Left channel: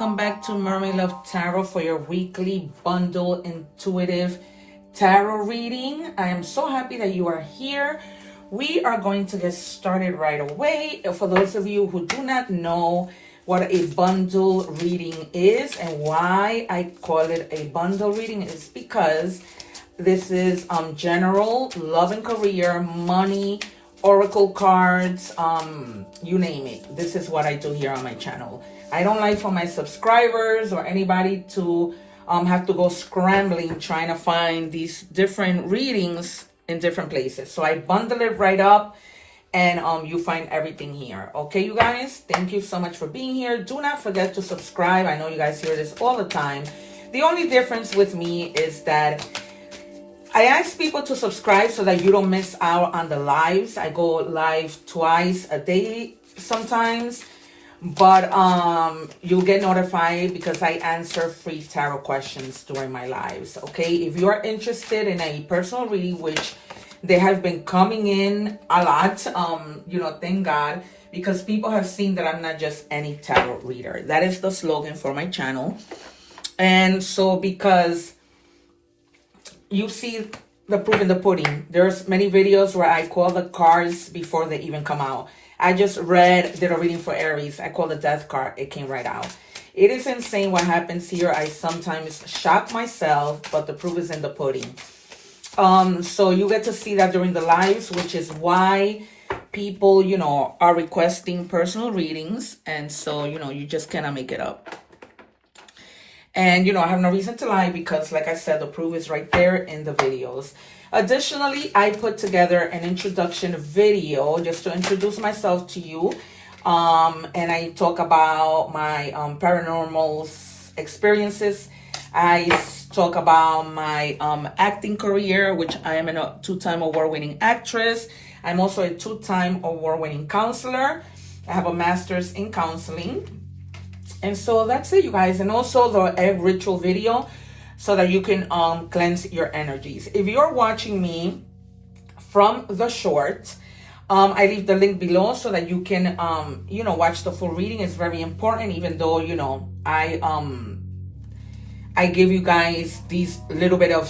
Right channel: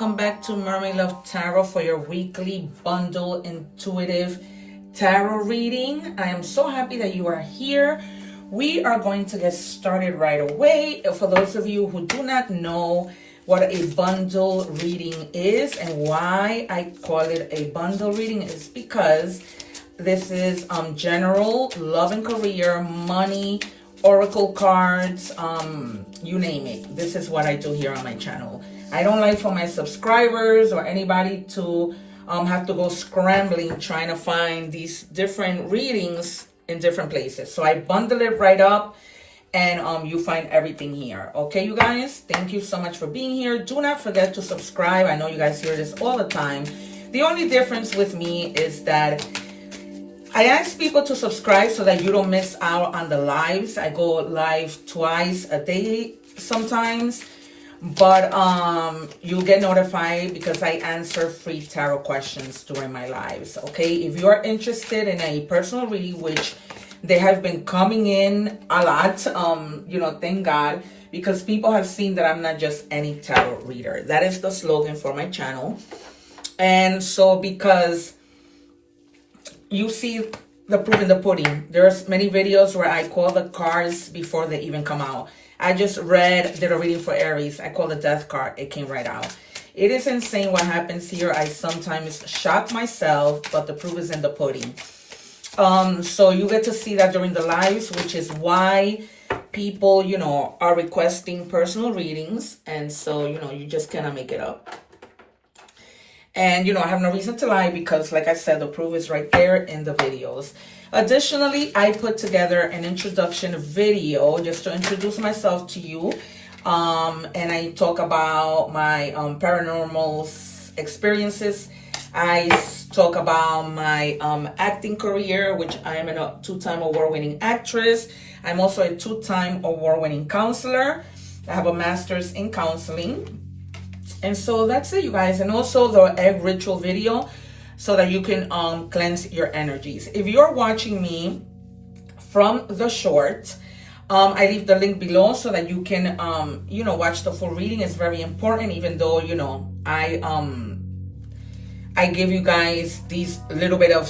welcome back to Mermaid Love Tarot for your weekly bundle intuitive tarot reading. I am so happy that you are here. We are going to get started right away. For those of you who do not know what a bundle reading is and why I call it a bundle reading is because this is general love and career, money, oracle cards, you name it. This is what I do here on my channel. I don't like for my subscribers or anybody to have to go scrambling trying to find these different readings in different places. So I bundle it right up and you find everything here. Okay, you guys, thank you so much for being here. Do not forget to subscribe. I know you guys hear this all the time. The only difference with me is that I ask people to subscribe so that you don't miss out on the lives. I go live twice a day sometimes, but you'll get notified because I answer free tarot questions during my lives. Okay, if you are interested in a personal reading, which they have been coming in a lot, thank God, because people have seen that I'm not just any tarot reader. That is the slogan for my channel. And so because you see the proof in the pudding. There's many videos where I call the cards before they even come out. I just did a reading for Aries. I called the death card. It came right out. It is insane what happens here. I sometimes shock myself, but the proof is in the pudding. So you get to see that during the lives, which is why people, are requesting personal readings. And so, you just cannot make it up. And, I have no reason to lie because, like I said, the proof is right there in the videos. Additionally, I put together an introduction video just to introduce myself to you. And I talk about my paranormal experiences. I talk about my acting career, which I am a two-time award-winning actress. I'm also a two-time award-winning counselor. I have a master's in counseling. And so that's it, you guys. And also the egg ritual video so that you can cleanse your energies. If you're watching me from the short, I leave the link below so that you can, watch the full reading. It's very important, even though, I give you guys these little bit of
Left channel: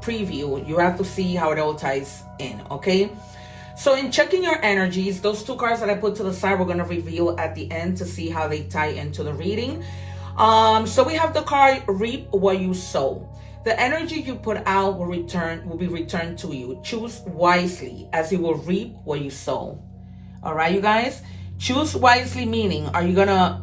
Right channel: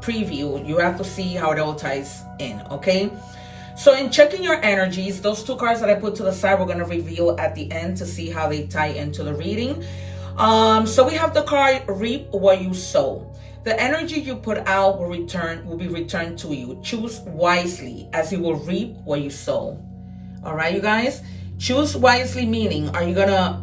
preview. You have to see how it all ties in, okay? So in checking your energies, those two cards that I put to the side, we're going to reveal at the end to see how they tie into the reading. So we have the card reap what you sow. The energy you put out will be returned to you. Choose wisely as you will reap what you sow. All right, you guys? Choose wisely meaning, are you going to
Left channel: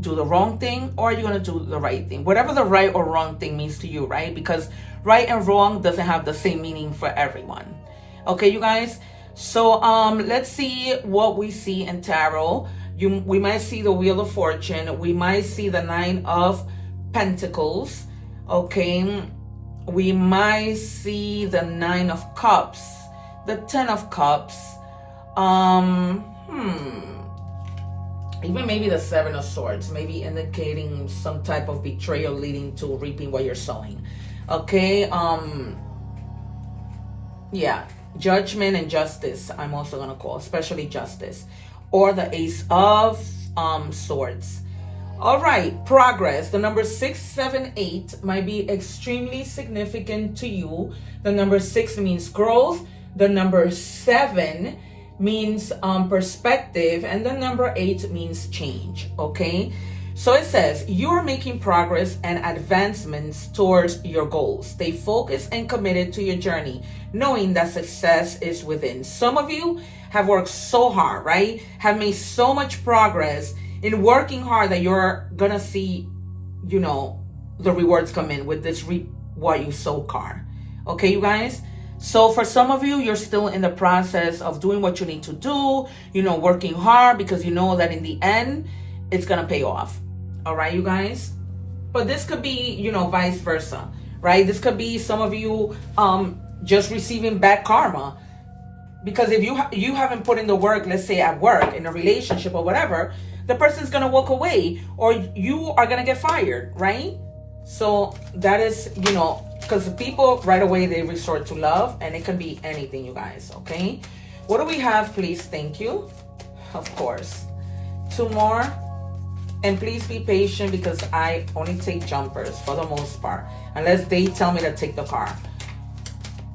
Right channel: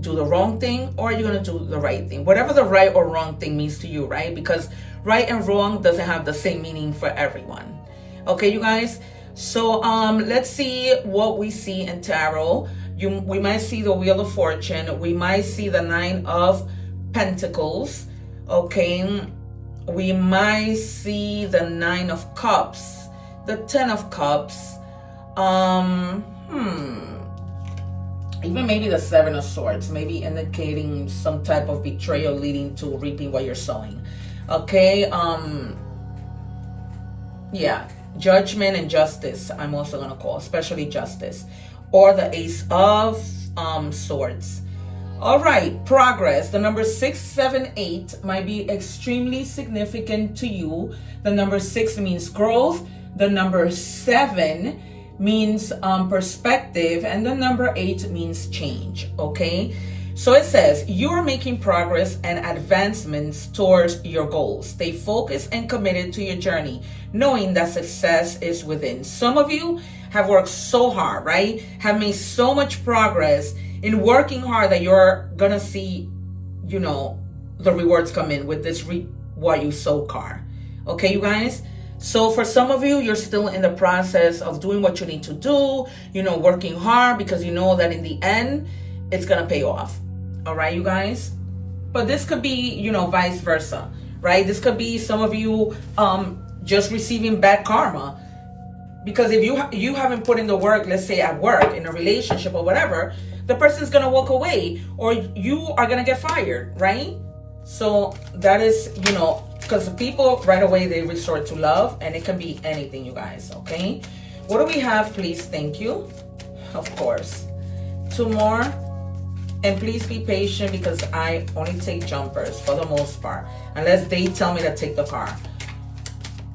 do the wrong thing or are you going to do the right thing? Whatever the right or wrong thing means to you, right? Because right and wrong doesn't have the same meaning for everyone. Okay, you guys? So let's see what we see in tarot. We might see the Wheel of Fortune. We might see the Nine of Pentacles. Okay. We might see the Nine of Cups. The Ten of Cups. Even maybe the Seven of Swords. Maybe indicating some type of betrayal leading to reaping what you're sowing. Okay. Yeah. Judgment and justice, I'm also going to call, especially justice. Or the Ace of Swords. All right, progress. The number 6, 7, 8 might be extremely significant to you. The number 6 means growth. The number 7 means perspective. And the number 8 means change, okay? So it says, you are making progress and advancements towards your goals. Stay focused and committed to your journey, knowing that success is within. Some of you have worked so hard, right? Have made so much progress in working hard that you're going to see, the rewards come in with this reap what you sow card. Okay, you guys? So for some of you, you're still in the process of doing what you need to do, working hard because you know that in the end, it's going to pay off. All right, you guys? But this could be, vice versa, right? This could be some of you just receiving bad karma. Because if you haven't put in the work, let's say at work, in a relationship or whatever, the person's going to walk away or you are going to get fired, right? So that is, because people right away, they resort to love and it can be anything, you guys, okay? What do we have, please? Thank you. Of course. 2 more. And please be patient because I only take jumpers for the most part, unless they tell me to take the car.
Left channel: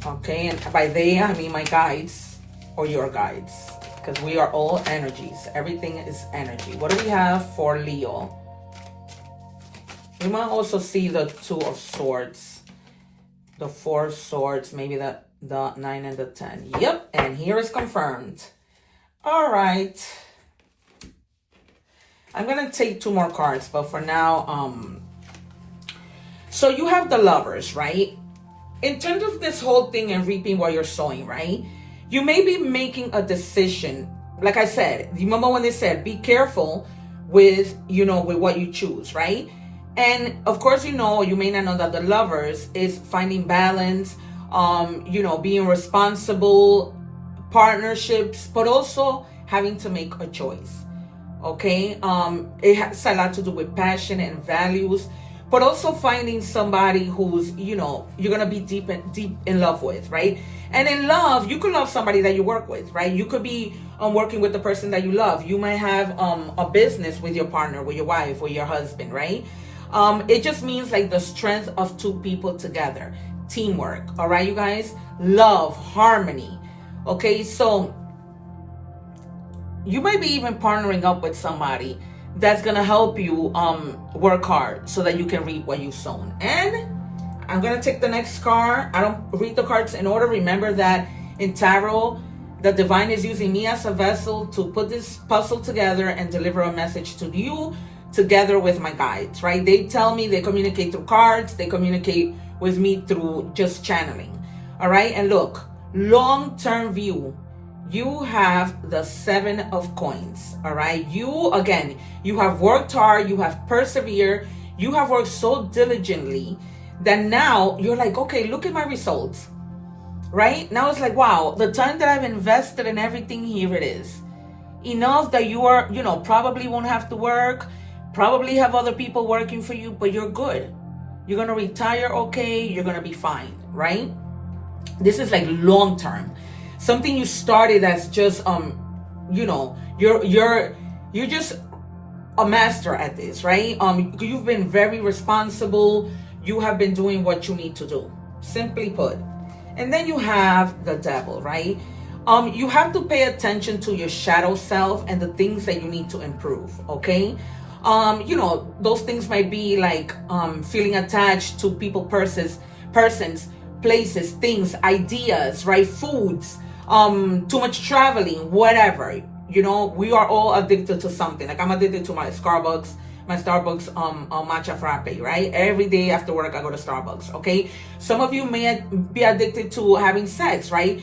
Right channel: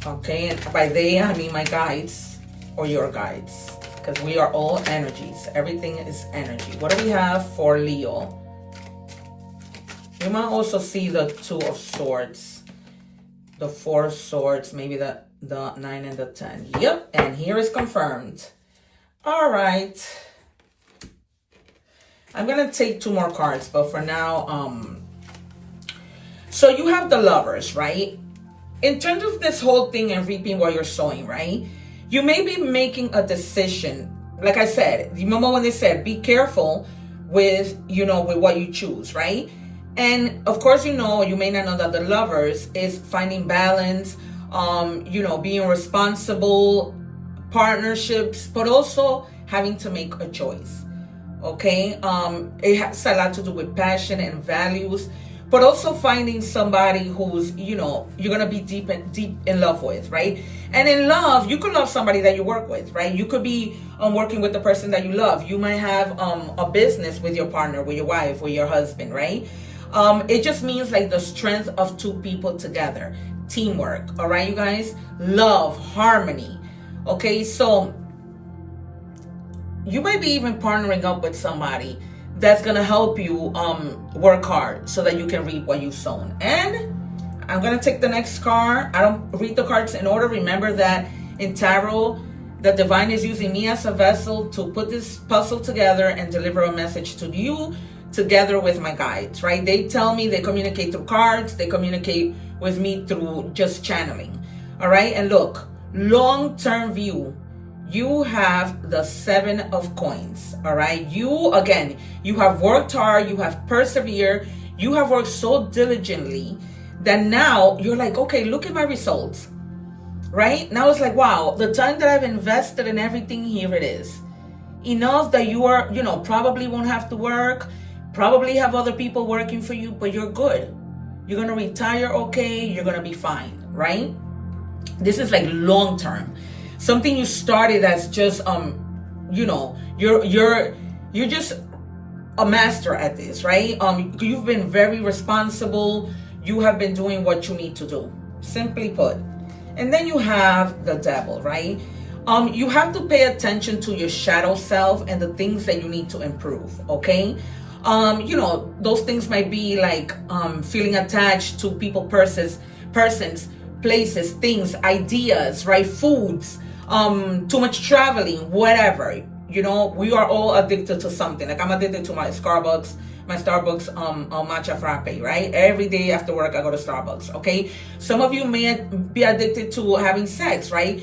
Okay, and by they, I mean my guides or your guides, because we are all energies. Everything is energy. What do we have for Leo? You might also see the Two of Swords, the Four of Swords, maybe the 9 and the 10. Yep, and here is confirmed. All right. I'm going to take 2 more cards, but for now, so you have the Lovers, right? In terms of this whole thing and reaping what you're sowing, right? You may be making a decision. Like I said, you remember when they said, be careful with, with what you choose, right? And of course, you may not know that the Lovers is finding balance, being responsible, partnerships, but also having to make a choice. Okay, it has a lot to do with passion and values, but also finding somebody who's, you're gonna be deep in love with, right? And in love, you could love somebody that you work with, right? You could be working with the person that you love. You might have a business with your partner, with your wife, or your husband, right? It just means like the strength of 2 people together, teamwork. All right, you guys, love, harmony. Okay, so you might be even partnering up with somebody that's going to help you work hard so that you can reap what you've sown. And I'm going to take the next card. I don't read the cards in order. Remember that in tarot, the divine is using me as a vessel to put this puzzle together and deliver a message to you together with my guides, right? They tell me, they communicate through cards. They communicate with me through just channeling. All right. And look, long-term view. You have the 7 of Coins, all right? You have worked hard, you have persevered, you have worked so diligently that now you're like, okay, look at my results, right? Now it's like, wow, the time that I've invested in everything, here it is. Enough that you are, probably won't have to work, probably have other people working for you, but you're good. You're going to retire okay, you're going to be fine, right? This is like long term. Something you started as just, you're just a master at this, right? You've been very responsible. You have been doing what you need to do, simply put. And then you have the Devil, right? You have to pay attention to your shadow self and the things that you need to improve, okay? Those things might be like feeling attached to people, persons, places, things, ideas, right? Foods, too much traveling, whatever. We are all addicted to something. Like I'm addicted to my Starbucks matcha frappe, right? Every day after work I go to Starbucks, okay? Some of you may be addicted to having sex, right?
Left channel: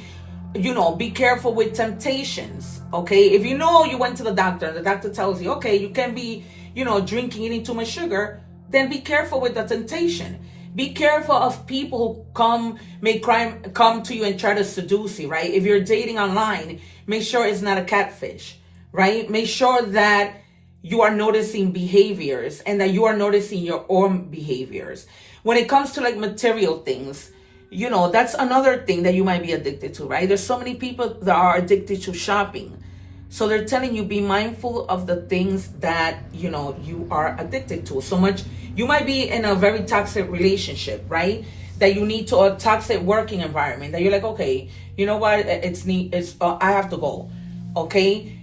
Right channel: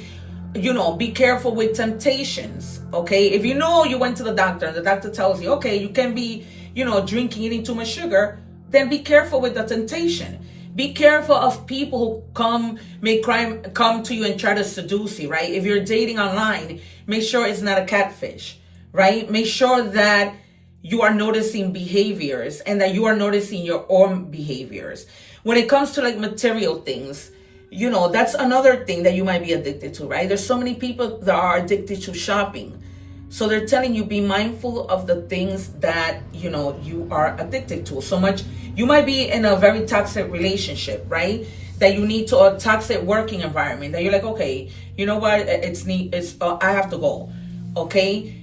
Be careful with temptations, okay? If you went to the doctor and the doctor tells you, okay, you can be, drinking, eating too much sugar, then be careful with the temptation. Be careful of people who come to you and try to seduce you, right? If you're dating online, make sure it's not a catfish, right? Make sure that you are noticing behaviors and that you are noticing your own behaviors. When it comes to like material things, that's another thing that you might be addicted to, right? There's so many people that are addicted to shopping. So they're telling you, be mindful of the things that, you are addicted to. So much, you might be in a very toxic relationship, right? That you need to, a toxic working environment that you're like, okay, you know what? I have to go. Okay.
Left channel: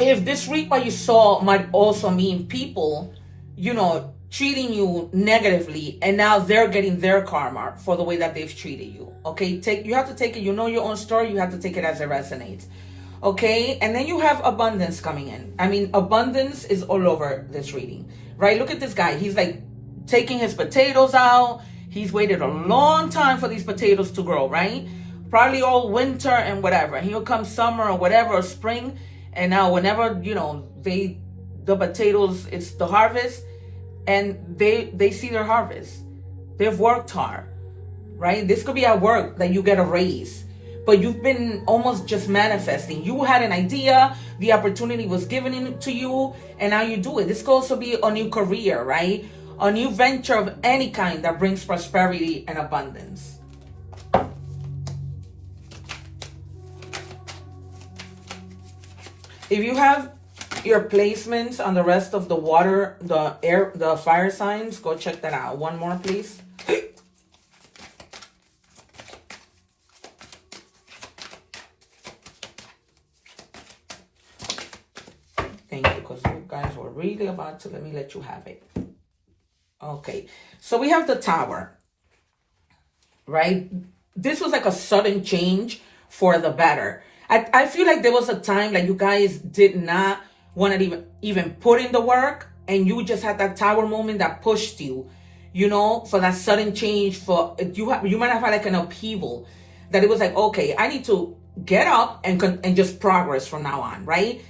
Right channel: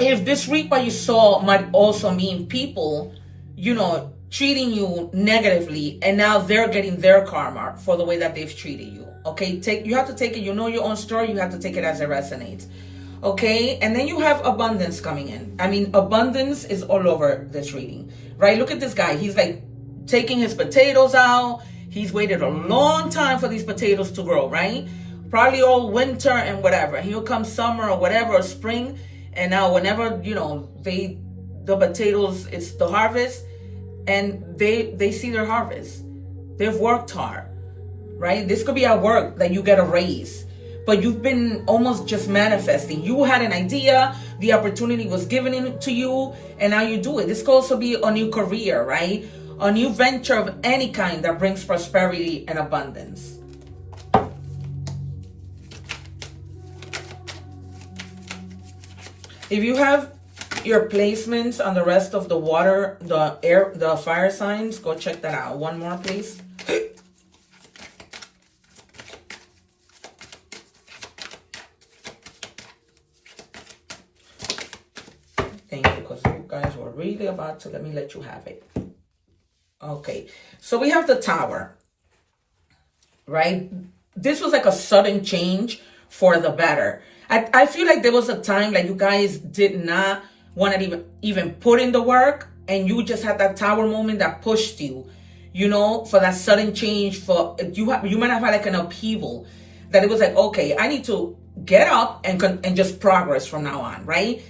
If this reap what you saw might also mean people, treating you negatively, and now they're getting their karma for the way that they've treated you. Okay, you have to take it, your own story, you have to take it as it resonates. Okay, and then you have abundance coming in. I mean, abundance is all over this reading, right? Look at this guy. He's like taking his potatoes out. He's waited a long time for these potatoes to grow, right? Probably all winter and whatever. Here comes summer or whatever, or spring. And now whenever, the potatoes, it's the harvest, and they see their harvest. They've worked hard, right? This could be at work that you get a raise, but you've been almost just manifesting. You had an idea, the opportunity was given to you, and now you do it. This could also be a new career, right? A new venture of any kind that brings prosperity and abundance. If you have your placements on the rest of the water, the air, the fire signs, go check that out. One more, please. Thank you, because you guys were really about to let me let you have it. Okay, so we have the Tower, right? This was like a sudden change for the better. I feel like there was a time like you guys did not want to even put in the work, and you just had that Tower moment that pushed you, you know, for that sudden change. For you might have had like an upheaval that it was like, okay, I need to get up and just progress from now on, right?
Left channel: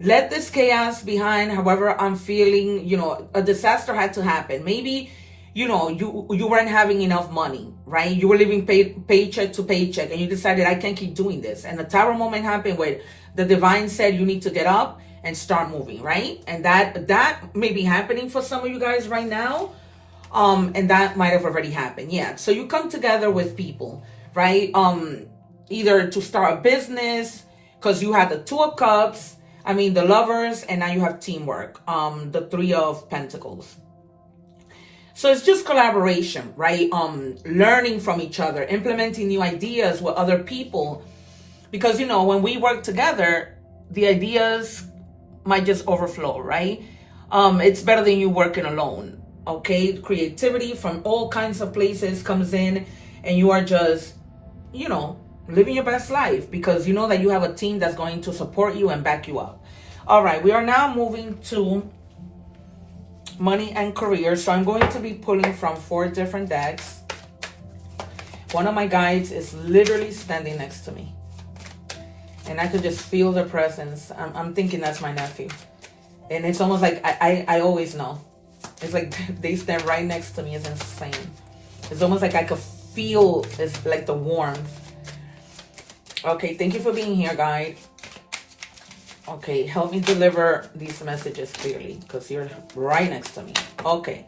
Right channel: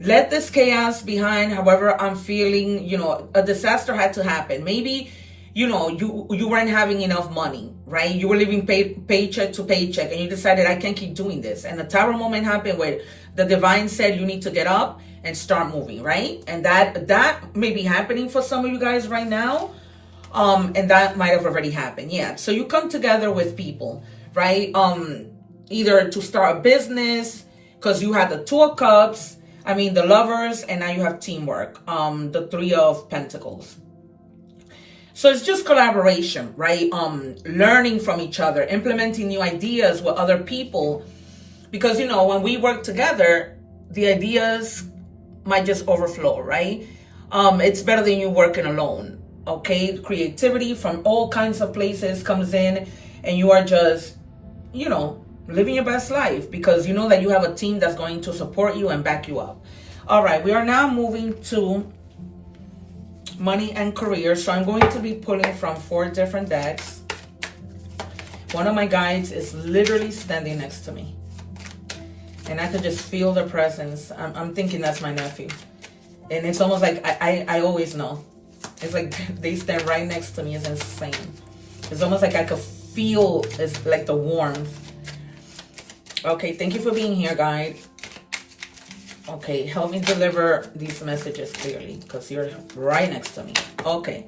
Let this chaos behind. However I'm feeling, you know, a disaster had to happen. Maybe, you know, you weren't having enough money, right? You were living paycheck to paycheck, and you decided, I can't keep doing this. And the Tower moment happened where the divine said you need to get up and start moving, right? And that may be happening for some of you guys right now. And that might have already happened. Yeah. So you come together with people, right? Either to start a business, because you had the Two of Cups, the Lovers, and now you have teamwork, the Three of Pentacles. So it's just collaboration, right? Learning from each other, implementing new ideas with other people. Because, you know, when we work together, the ideas might just overflow, right? It's better than you working alone, okay? Creativity from all kinds of places comes in, and you are just, you know, living your best life because you know that you have a team that's going to support you and back you up. All right, we are now moving to money and career. So I'm going to be pulling from 4 different decks. One of my guides is literally standing next to me, and I could just feel the presence. I'm thinking that's my nephew, and it's almost like I always know. It's like they stand right next to me. It's insane. It's almost like I could feel, it's like the warmth. Okay, thank you for being here, guide. Okay, help me deliver these messages clearly because you're right next to me. Okay.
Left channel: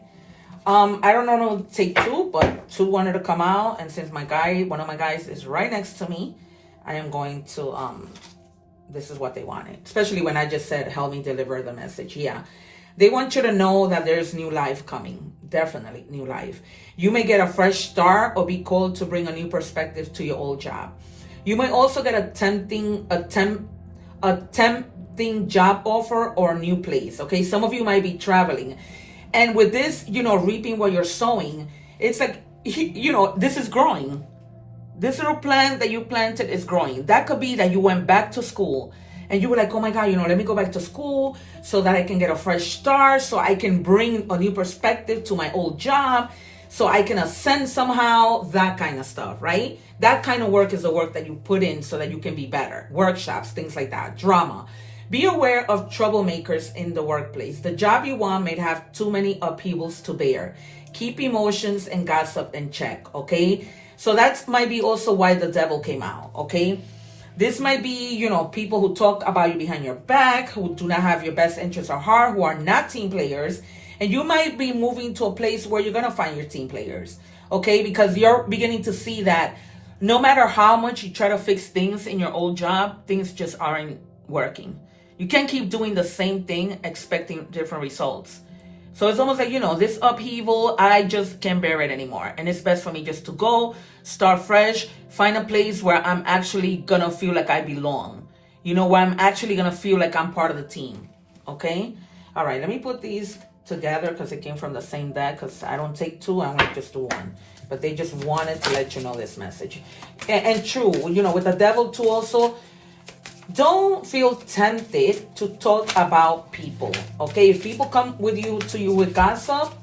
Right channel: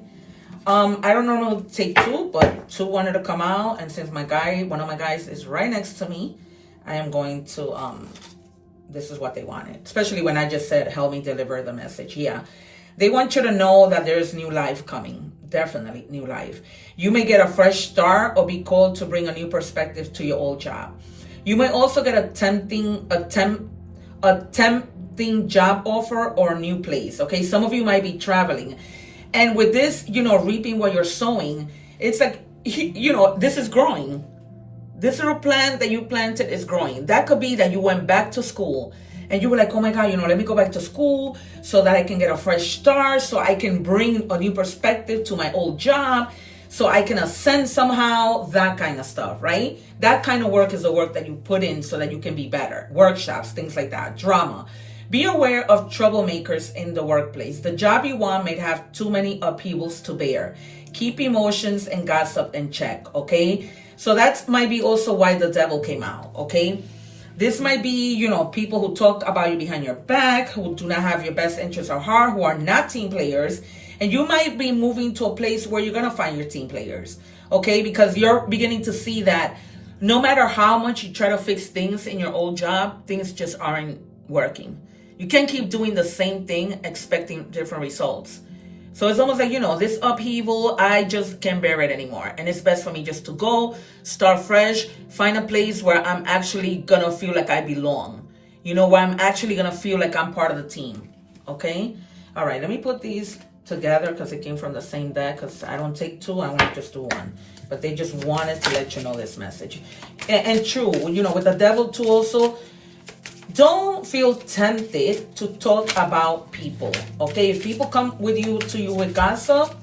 I don't know how to take 2, but 2 wanted to come out, and since one of my guys is right next to me, I am going to this is what they wanted. Especially when I just said help me deliver the message. Yeah. They want you to know that there's new life coming. Definitely new life. You may get a fresh start or be called to bring a new perspective to your old job. You may also get a tempting job offer or new place. Okay, some of you might be traveling, and with this, you know, reaping what you're sowing, it's like, you know, this is growing. This little plant that you planted is growing. That could be that you went back to school and you were like, oh my God, you know, let me go back to school so that I can get a fresh start, so I can bring a new perspective to my old job, so I can ascend somehow, that kind of stuff, right? That kind of work is the work that you put in so that you can be better. Workshops, things like that, drama. Be aware of troublemakers in the workplace. The job you want may have too many upheavals to bear. Keep emotions and gossip in check, okay? So that might be also why the devil came out, okay? This might be, you know, people who talk about you behind your back, who do not have your best interests at heart, who are not team players. And you might be moving to a place where you're going to find your team players, okay? Because you're beginning to see that no matter how much you try to fix things in your old job, things just aren't working. You can't keep doing the same thing expecting different results. So it's almost like, you know, this upheaval, I just can't bear it anymore. And it's best for me just to go, start fresh, find a place where I'm actually going to feel like I belong. You know, where I'm actually going to feel like I'm part of the team, okay? All right, let me put these together because it came from the same deck, because I don't take 2, I want just do 1. But they just wanted to let you know this message. And true, you know, with the devil too also, don't feel tempted to talk about people, okay? If people come to you with gossip,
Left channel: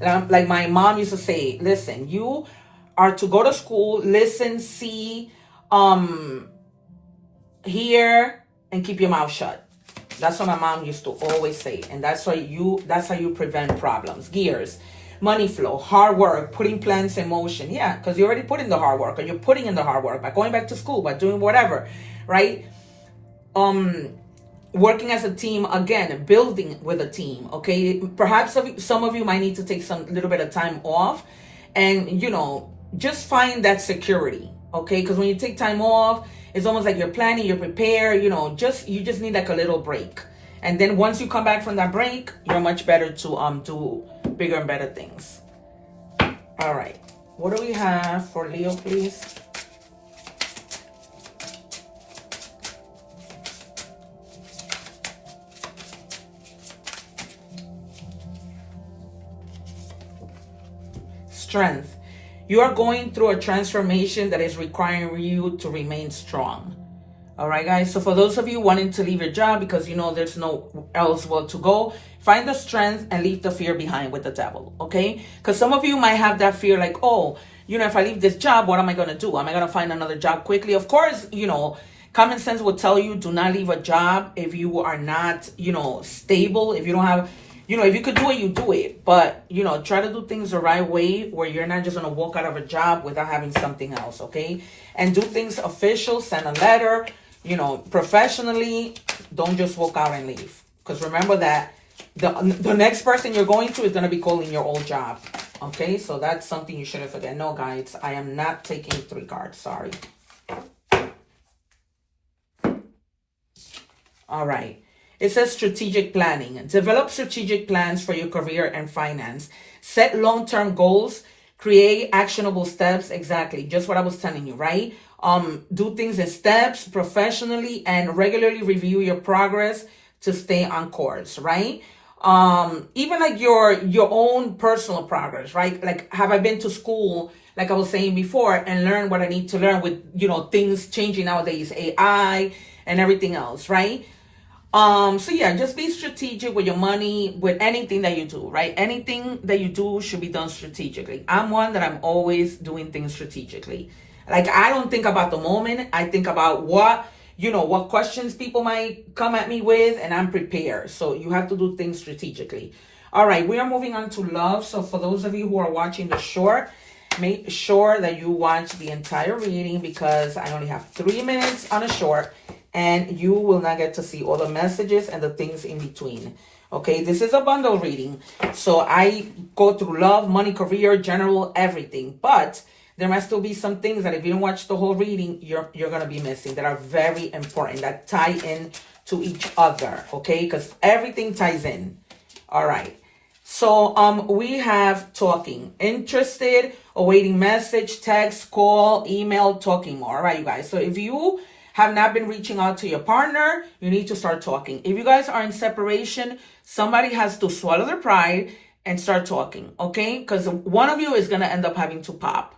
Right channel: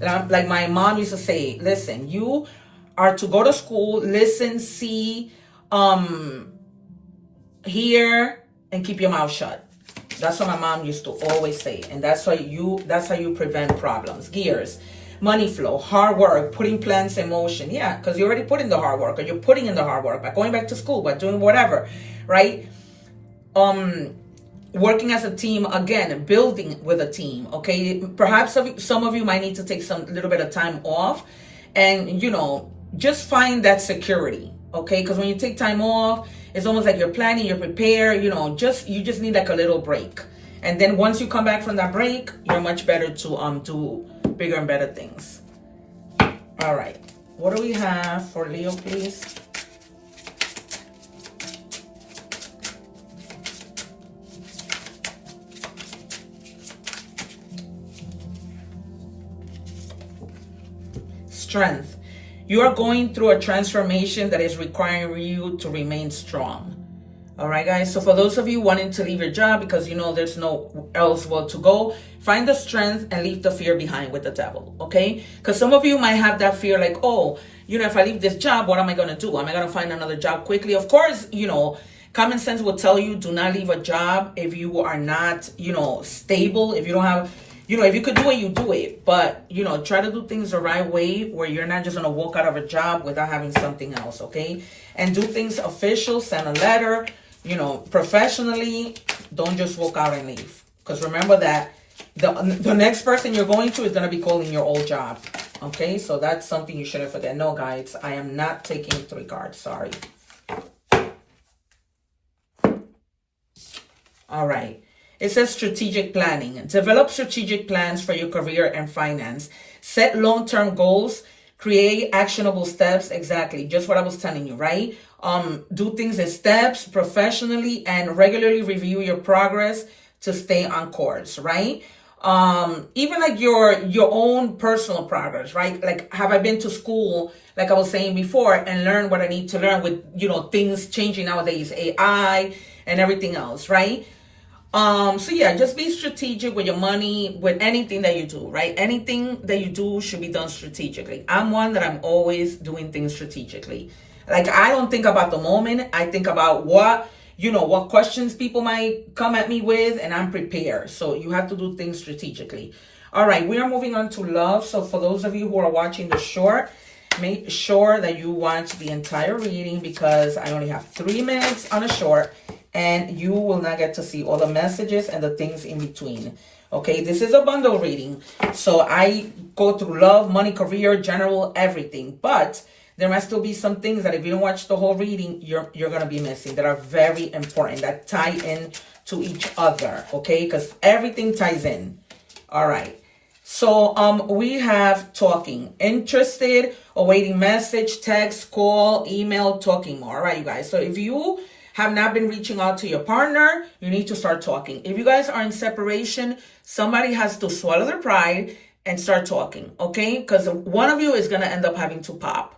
like my mom used to say, listen, you are to go to school, listen, see, hear, and keep your mouth shut. That's what my mom used to always say. And that's how you prevent problems. Gears, money flow, hard work, putting plans in motion. Yeah, because you already put in the hard work, or you're putting in the hard work by going back to school, by doing whatever, right? Working as a team, again, building with a team, okay? Perhaps some of you might need to take little bit of time off and, you know, just find that security, okay? Because when you take time off, it's almost like you're planning, you're prepared, you know, you just need like a little break. And then once you come back from that break, you're much better to do bigger and better things. All right. What do we have for Leo, please? Strength. You are going through a transformation that is requiring you to remain strong. All right, guys. So for those of you wanting to leave your job because you know there's no else well to go, find the strength and leave the fear behind with the devil. Okay? Because some of you might have that fear like, oh, you know, if I leave this job, what am I going to do? Am I going to find another job quickly? Of course, you know, common sense will tell you do not leave a job if you are not, you know, stable. If you don't have, you know, if you could do it, you do it. But, you know, try to do things the right way where you're not just going to walk out of a job without having something else. Okay? And do things official, send a letter. You know, professionally, don't just walk out and leave. Because remember that the next person you're going to is going to be calling your old job. Okay, so that's something you shouldn't forget. No, guys, I am not taking 3 cards. Sorry. All right. It says strategic planning. Develop strategic plans for your career and finance. Set long-term goals. Create actionable steps. Exactly. Just what I was telling you, right? Do things in steps professionally and regularly review your progress to stay on course, right? Even like your own personal progress, right? Like, have I been to school, like I was saying before, and learn what I need to learn with, you know, things changing nowadays, AI and everything else, right? So yeah, just be strategic with your money, with anything that you do, right? Anything that you do should be done strategically. I'm one that I'm always doing things strategically. Like, I don't think about the moment. I think about what questions people might come at me with, and I'm prepared. So you have to do things strategically. All right, we are moving on to love. So for those of you who are watching the short, make sure that you watch the entire reading because I only have 3 minutes on a short, and you will not get to see all the messages and the things in between. Okay, this is a bundle reading. So I go through love, money, career, general, everything. But there might still be some things that if you don't watch the whole reading, you're going to be missing that are very important, that tie in to each other, okay? Because everything ties in. All right. So we have talking. Interested, awaiting message, text, call, email, talking more. All right, you guys. So if you have not been reaching out to your partner, you need to start talking. If you guys are in separation, somebody has to swallow their pride and start talking, okay? Because one of you is going to end up having to pop.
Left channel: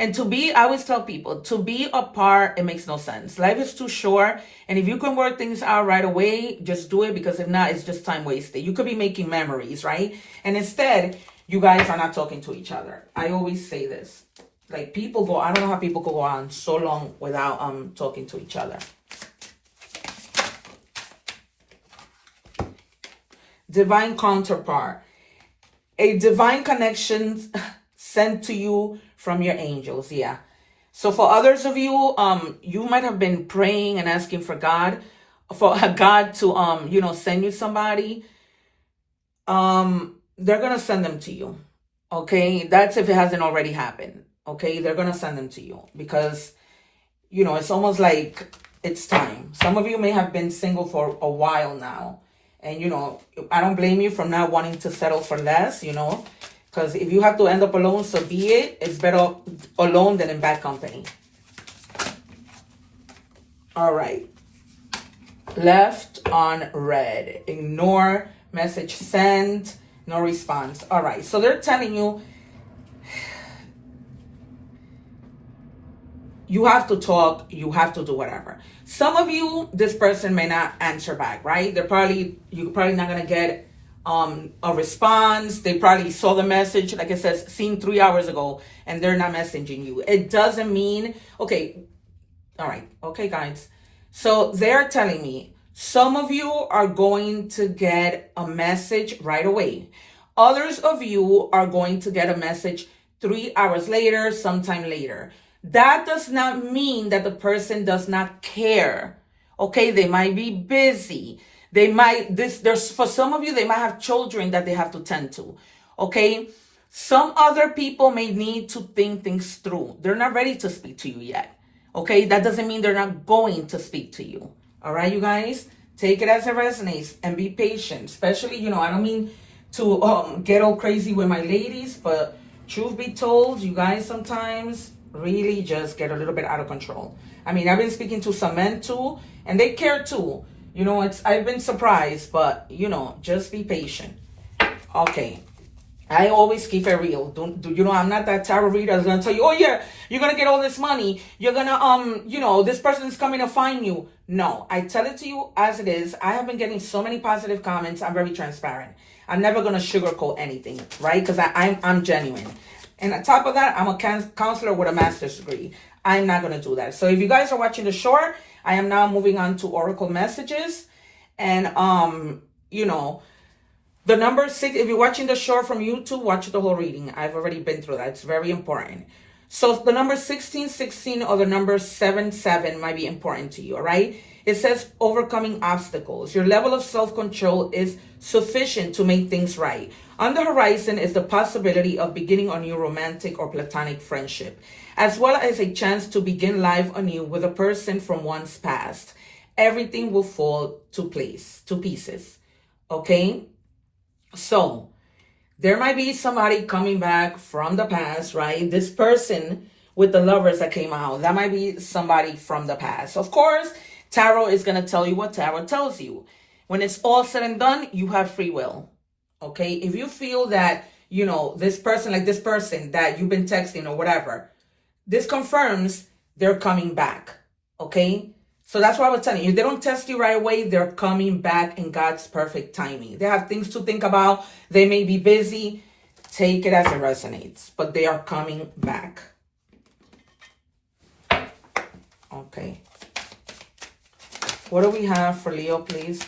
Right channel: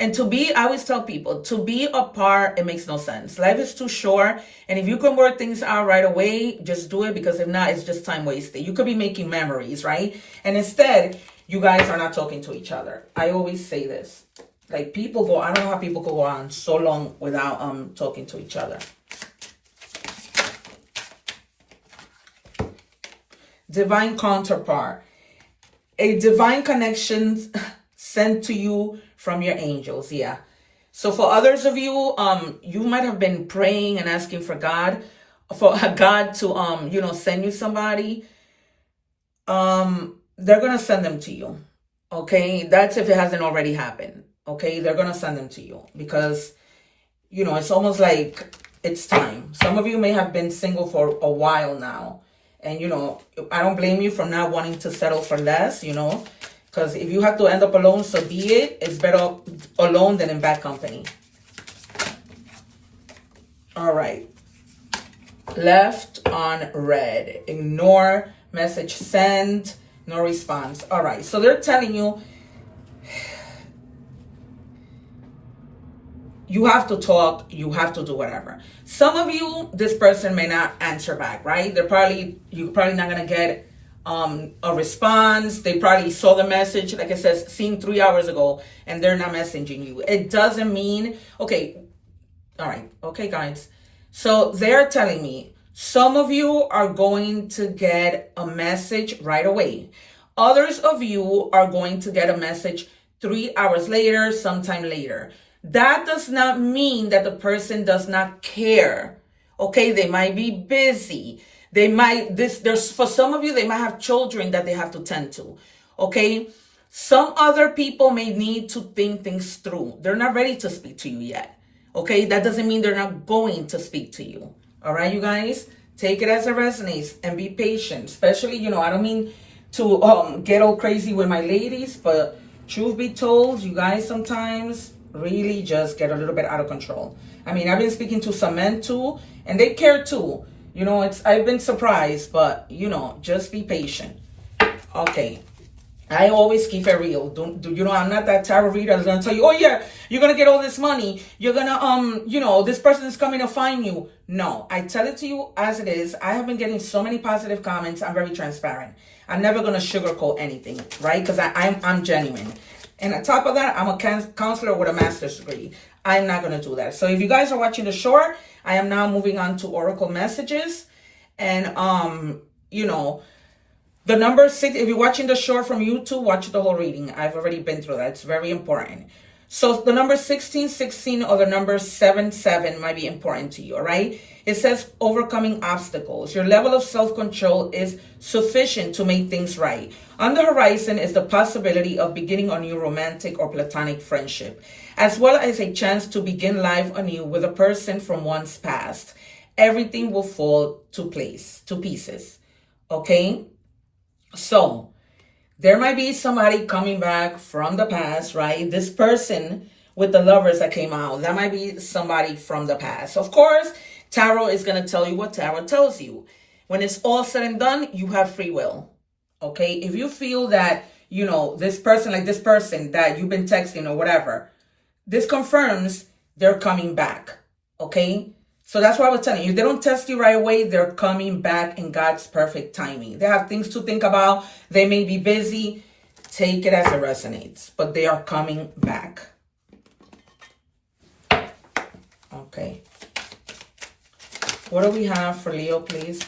And I always tell people, to be apart, it makes no sense. Life is too short. And if you can work things out right away, just do it. Because if not, it's just time wasted. You could be making memories, right? And instead, you guys are not talking to each other. I always say this. Like, I don't know how people go on so long without talking to each other. Divine counterpart. A divine connection sent to you from your angels. Yeah. So for others of you, you might have been praying and asking for God to send you somebody. They're gonna send them to you. Okay, that's if it hasn't already happened. Okay, they're gonna send them to you because it's almost like it's time. Some of you may have been single for a while now, and I don't blame you for not wanting to settle for less. Because if you have to end up alone, so be it. It's better alone than in bad company. All right. Left on red. Ignore. Message sent. No response. All right. So they're telling you, you have to talk. You have to do whatever. Some of you, this person may not answer back, right? You're probably not going to get a response. They probably saw the message, like it says, seen 3 hours ago, and they're not messaging you. It doesn't mean, okay, all right, okay, guys. So they're telling me some of you are going to get a message right away. Others of you are going to get a message 3 hours later, sometime later. That does not mean that the person does not care. Okay, they might be busy. For some of you, they might have children that they have to tend to. Okay. Some other people may need to think things through. They're not ready to speak to you yet. Okay. That doesn't mean they're not going to speak to you. All right, you guys, Take it as it resonates and be patient. Especially, I don't mean to get all crazy with my ladies, but truth be told, you guys sometimes really just get a little bit out of control. I mean, I've been speaking to some men too, and they care too. I've been surprised, but just be patient. Okay. I always keep it real. I'm not that tarot reader that's gonna tell you, oh yeah, you're gonna get all this money. You're gonna, this person is coming to find you. No, I tell it to you as it is. I have been getting so many positive comments. I'm very transparent. I'm never gonna sugarcoat anything, right? Because I'm genuine. And on top of that, I'm a counselor with a master's degree. I'm not gonna do that. So if you guys are watching the short, I am now moving on to oracle messages, and the number 6, if you're watching the short from YouTube, watch the whole reading. I've already been through that. It's very important. So the number 1616 or the number 77 might be important to you, all right? It says overcoming obstacles. Your level of self-control is sufficient to make things right. On the horizon is the possibility of beginning a new romantic or platonic friendship, as well as a chance to begin life anew with a person from one's past. Everything will fall to pieces, okay? So there might be somebody coming back from the past, right? This person with the lovers that came out, that might be somebody from the past. Of course, tarot is going to tell you what tarot tells you. When it's all said and done, you have free will. Okay? If you feel that, this person that you've been texting or whatever, this confirms they're coming back. Okay? So that's what I was telling you. If they don't test you right away, they're coming back in God's perfect timing. They have things to think about. They may be busy. Take it as it resonates. But they are coming back. Okay. What do we have for Leo, please?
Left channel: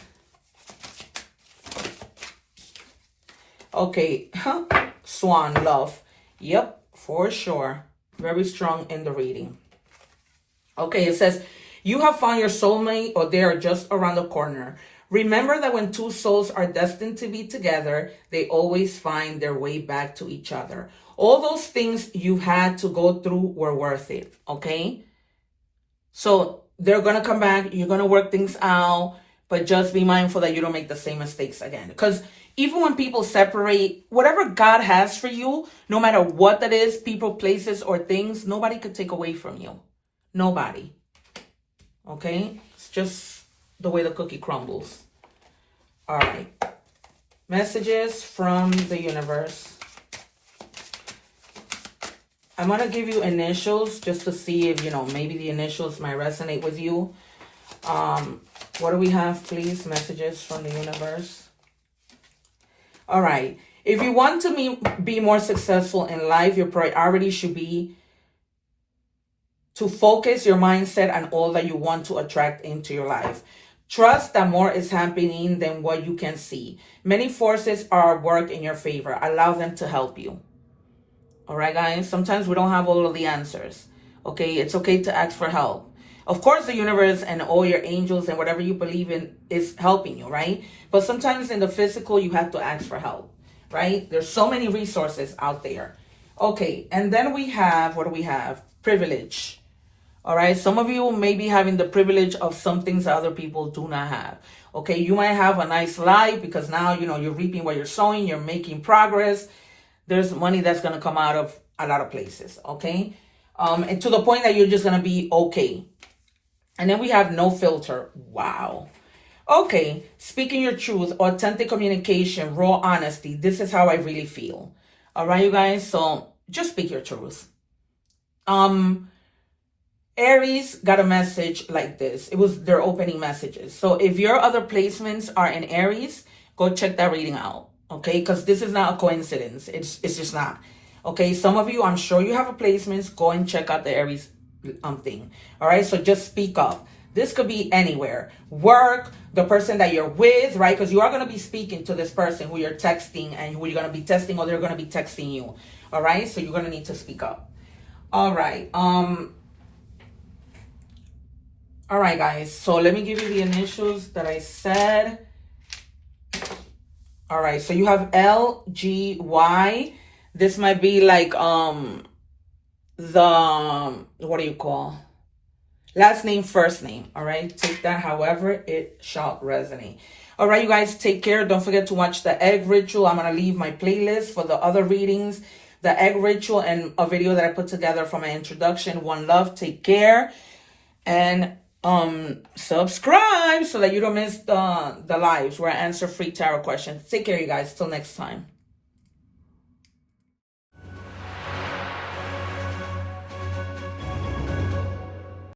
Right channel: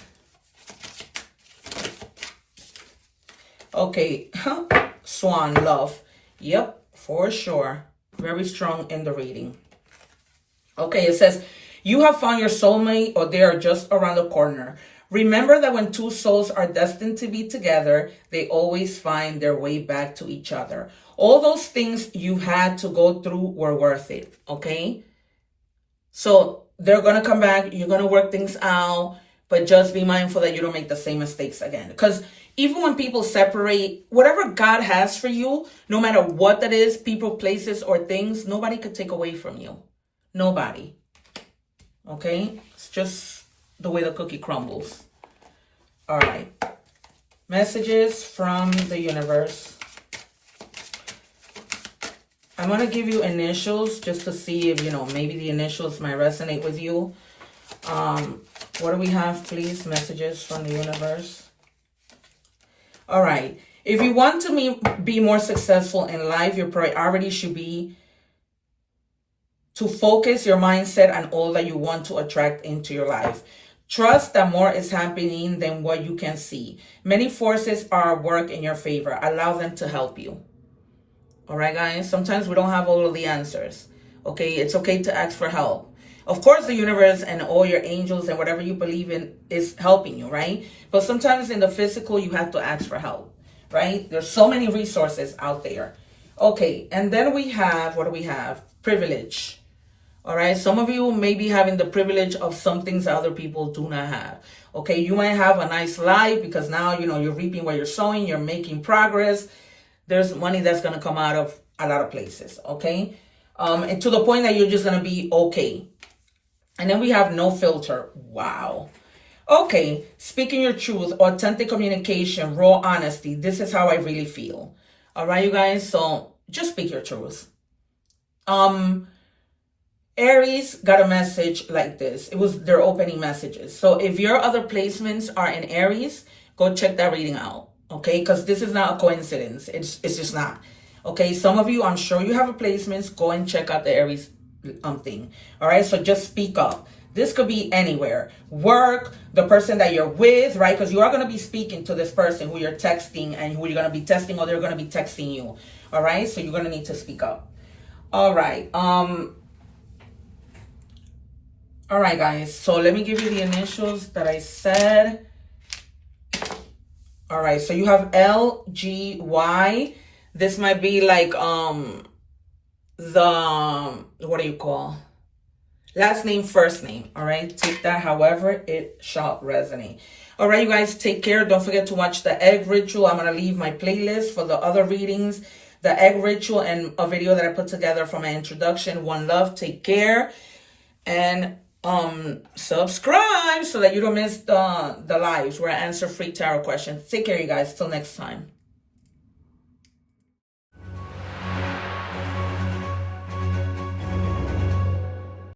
Okay. Swan, love. Yep, for sure. Very strong in the reading. Okay, it says, you have found your soulmate, or they are just around the corner. Remember that when two souls are destined to be together, they always find their way back to each other. All those things you had to go through were worth it, okay? So they're going to come back. You're going to work things out, but just be mindful that you don't make the same mistakes again. Because even when people separate, whatever God has for you, no matter what that is, people, places, or things, nobody could take away from you. Nobody. Okay, it's just the way the cookie crumbles. All right. Messages from the universe. I'm going to give you initials just to see if, maybe the initials might resonate with you. What do we have, please? Messages from the universe. All right. If you want to be more successful in life, your priority should be to focus your mindset on all that you want to attract into your life. Trust that more is happening than what you can see. Many forces are at work in your favor. Allow them to help you. All right, guys? Sometimes we don't have all of the answers. Okay? It's okay to ask for help. Of course, the universe and all your angels and whatever you believe in is helping you, right? But sometimes in the physical, you have to ask for help, right? There's so many resources out there. Okay, and then we have, what do we have? Privilege. All right, some of you may be having the privilege of some things that other people do not have. Okay, you might have a nice life because now, you're reaping what you're sowing, you're making progress. There's money that's going to come out of a lot of places, okay? And to the point that you're just going to be okay. And then we have no filter. Wow. Okay, speaking your truth, authentic communication, raw honesty. This is how I really feel. All right, you guys? So just speak your truth. Aries got a message like this. It was their opening messages. So if your other placements are in Aries, go check that reading out. Okay, because this is not a coincidence. It's just not. Okay, some of you, I'm sure you have a placements. Go and check out the Aries thing. All right, so just speak up. This could be anywhere. Work, the person that you're with, right? Because you are going to be speaking to this person who you're texting and who you're going to be testing, or they're going to be texting you. All right, so you're going to need to speak up. All right. All right, guys. So let me give you the initials that I said. All right, so you have LGY. This might be like the, what do you call? Last name, first name. All right. Take that however it shall resonate. All right, you guys, take care. Don't forget to watch the egg ritual. I'm going to leave my playlist for the other readings, the egg ritual, and a video that I put together for my introduction. One love. Take care. And subscribe so that you don't miss the lives where I answer free tarot questions. Take care, you guys. Till next time.